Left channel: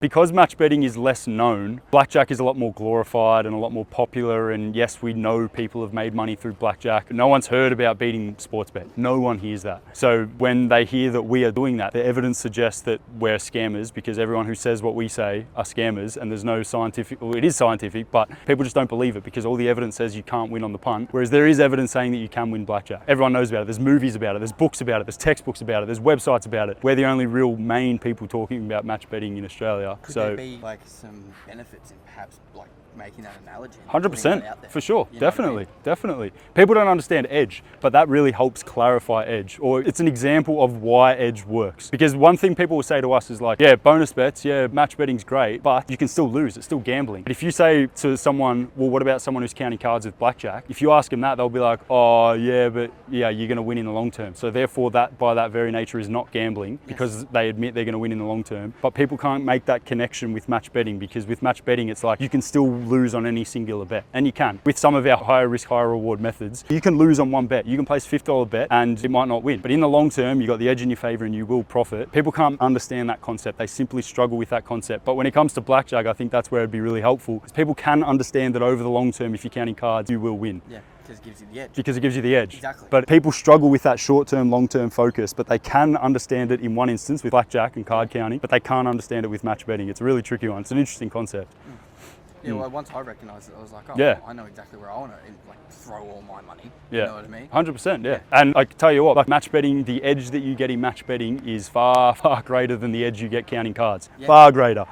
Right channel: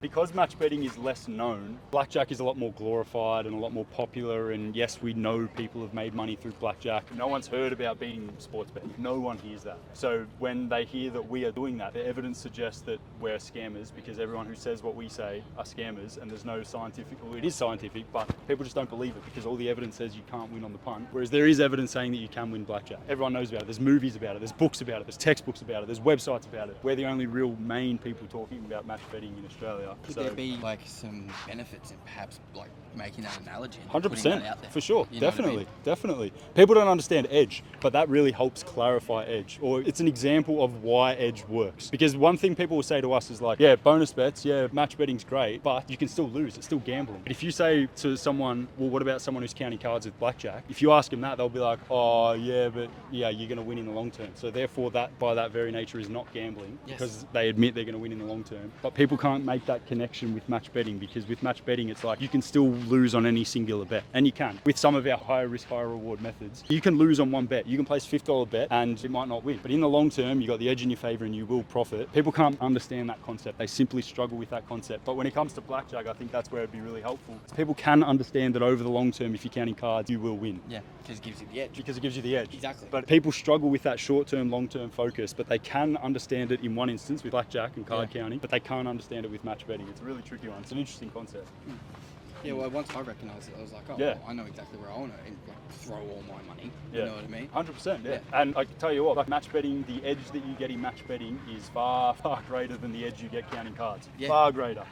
Because match betting is less known, blackjack is a lot more glorified and a lot more popular, and yes, we know people have made money through blackjack. No one's heard about beating sports bet. No one hears that. So when they hear that we are doing that, the evidence suggests that we're scammers, because everyone who says what we say are scammers, and there's no scientific, well, it is scientific, but people just don't believe it because all the evidence says you can't win on the punt, whereas there is evidence saying that you can win blackjack. Everyone knows about it. There's movies about it, there's books about it, there's textbooks about it, there's websites about it. We're the only real main people talking about match betting in Australia. Could there be like some benefits in perhaps like making that analogy? 100%, for sure, You know what I definitely, mean? definitely. People don't understand edge, but that really helps clarify edge, or it's an example of why edge works. Because one thing people will say to us is like, yeah, bonus bets, yeah, match betting's great, but you can still lose, it's still gambling. But if you say to someone, well, what about someone who's counting cards with blackjack? If you ask them that, they'll be like, oh yeah, but yeah, you're gonna win in the long term. So therefore that, by that very nature, is not gambling, because they admit they're gonna win in the long term. But people can't make that connection with match betting, because with match betting, it's like you can still lose on any singular bet, and you can. With some of our higher risk, higher reward methods, you can lose on one bet. You can place $50 bet and it might not win. But in the long term, you got the edge in your favor and you will profit. People can't understand that concept. They simply struggle with that concept. But when it comes to blackjack, I think that's where it'd be really helpful, because people can understand that over the long term, if you're counting cards, you will win. Yeah, because it gives you the edge. Because it gives you the edge. Exactly. But people struggle with that short-term, long-term focus, but they can understand it in one instance with blackjack and card counting, but they can't understand it with match betting. It's a really tricky one. It's an interesting concept. Yeah, well, once I recognised it, I was like, oh, Yeah. I know exactly where I want to like throw all my money. Yeah. You know what I mean? 100%, yeah. And I can tell you what, like match betting, the edge that you get in match betting is far, far greater than the edge you get counting cards. Yeah. Far greater.